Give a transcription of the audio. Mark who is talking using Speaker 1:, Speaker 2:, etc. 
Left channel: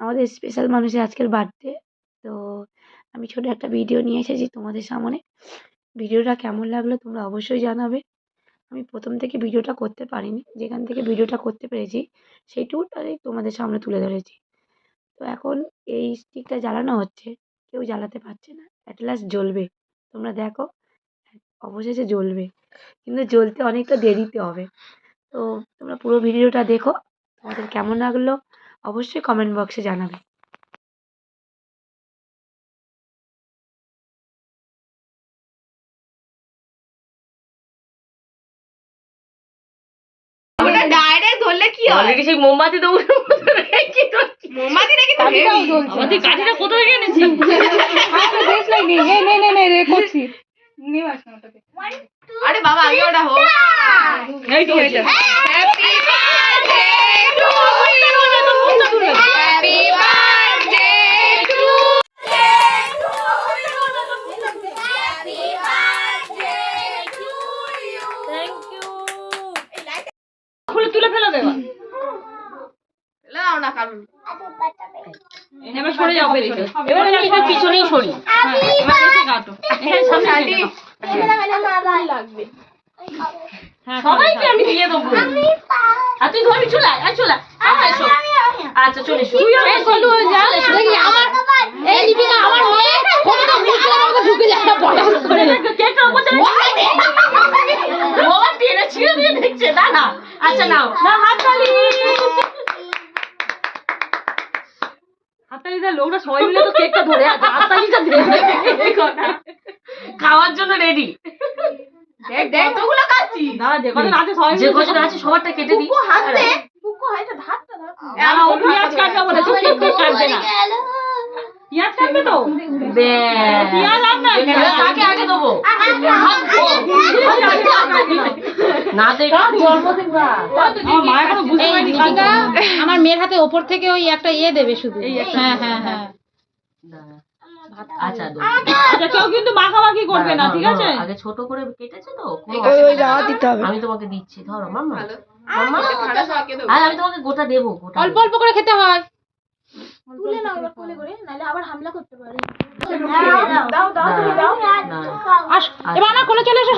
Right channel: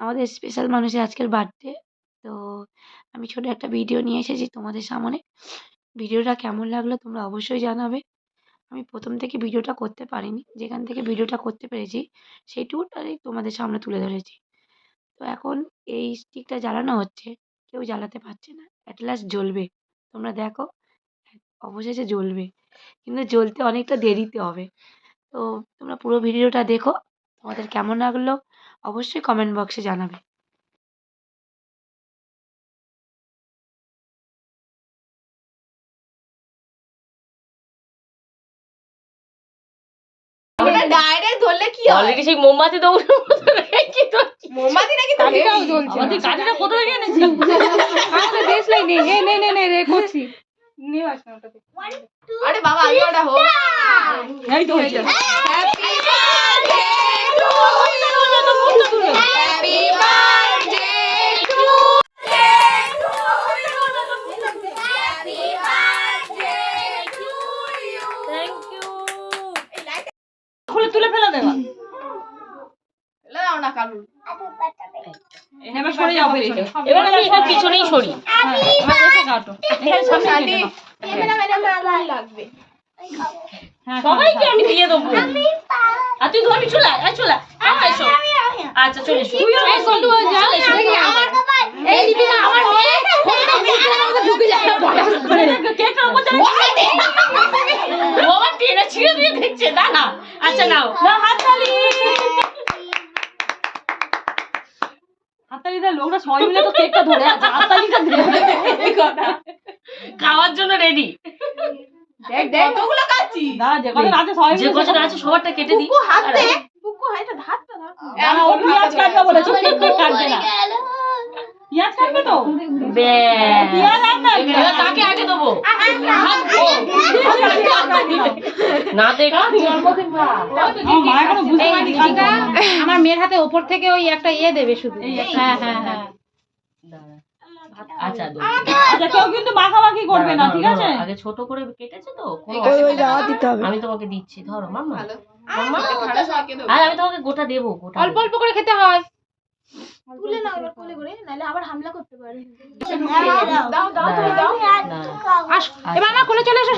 Speaker 1: আমাদের স্পেশাল মানুষের আজকের বার্থডে তো আমি ছোটো একটা ভিডিও নিয়ে এসেছি তোমাদের সামনে। ভিডিওটা কেমন লাগল তোমরা অবশ্যই জানাবে। আমি প্রথম থেকে ভিডিওটা করতে পারিনি, যেখান থেকে ভিডিওটা করতে পেরেছি সেইটুকুটাই তোমাদের সামনে তুলে ধরেছি। তো এখন এই স্টিকটা জ্বালানো হচ্ছে, কেউ জ্বালাতে পারছে না অ্যাট লাস্ট জ্বলবে। তোমরা দেখো, অবশেষে জ্বলবে, কিন্তু জ্বলতে অনেকটা দেরিতে হবে। তো তোমরা পুরো ভিডিওটা দেখো, তোমাদের কেমন লাগল? অবশ্যই কমেন্ট বক্সে জানাবে।
Speaker 2: ডাইরেক্ট ধরলে কি হয়?
Speaker 3: অলরেডি সেই মোমবাতি
Speaker 2: নাকি তো
Speaker 4: জ্বলছে
Speaker 3: তুই এনেছিস?
Speaker 4: আরে দেশ নাই নে নে নে নে নে রে করছি। নিয়ে আস না
Speaker 2: আরে বাবা আগে ওটা হোক।
Speaker 4: এই তো হয়ে যাবে।
Speaker 2: লাও না কারণ
Speaker 4: এবার সরে যাও বেরিয়ে
Speaker 3: এবার আমি এটা পিছনেই সরি।
Speaker 4: এবার এসে কাটো এখানে সামনে
Speaker 2: শাড়ি
Speaker 4: হ্যাঁ
Speaker 3: সবাইকে আমি দিয়ে দেবো। আর তুই ধরবি চলে আয়, আয় চলে আয়, আয়, আয়, এসো। আচ্ছা এসো। এই টেনে ছিঁড়ে দিয়ে দেখছে। আচ্ছা নাও। হাততালি
Speaker 4: দেয় লোকটা সবাই মিলে তো কেকটা ধরে আছে হাততালিটা দে
Speaker 3: এই কথা। খাওয়ার জন্য রেডি
Speaker 2: দেখ দেখ কতগুলো কাচ্ছি
Speaker 4: দাঁড়া যে কজন আছে সবাই
Speaker 3: যে কজন আছে সবারটা কেটে দিই
Speaker 2: হাতে
Speaker 4: না, ও পেঁয়াজ কাটবে বলেছে কেক কেক কাটবে না পেঁয়াজ কাটবে তো
Speaker 3: ব্যাস।
Speaker 4: পেঁয়াজ না
Speaker 3: কাকে আগে দেবো না দেখা জন্মদিন বা
Speaker 4: আমার মা বুঝতে পারেনি।
Speaker 5: আমার মেয়ের হাতে ওপর থেকে ওই একটা ইয়ে দেবে শুধু। হ্যাঁ হ্যাঁ হ্যাঁ।
Speaker 3: আচ্ছা
Speaker 4: কেউ কিন্তু মাখামাখি করবে না ঠিক আছে?
Speaker 3: আগে ছোট করে কেটেছে তো কোনো অসুবিধা নেই। আমি তোমাকে দিচ্ছি ধরো মাম্মা। মাম্মা।
Speaker 2: ঠান্ডা সবাইকে দেবো।
Speaker 3: আর আমি তোমাকে গোটা দেবো গোটা
Speaker 5: অল্প অল্প করে খেতে হয়।
Speaker 6: তুলে নাও এবার কোলে করে নাহলে আবার হামলা করতে পারে।
Speaker 2: দাও দাও তুমি দাও
Speaker 5: এবার আমার কোলে চলে এসো।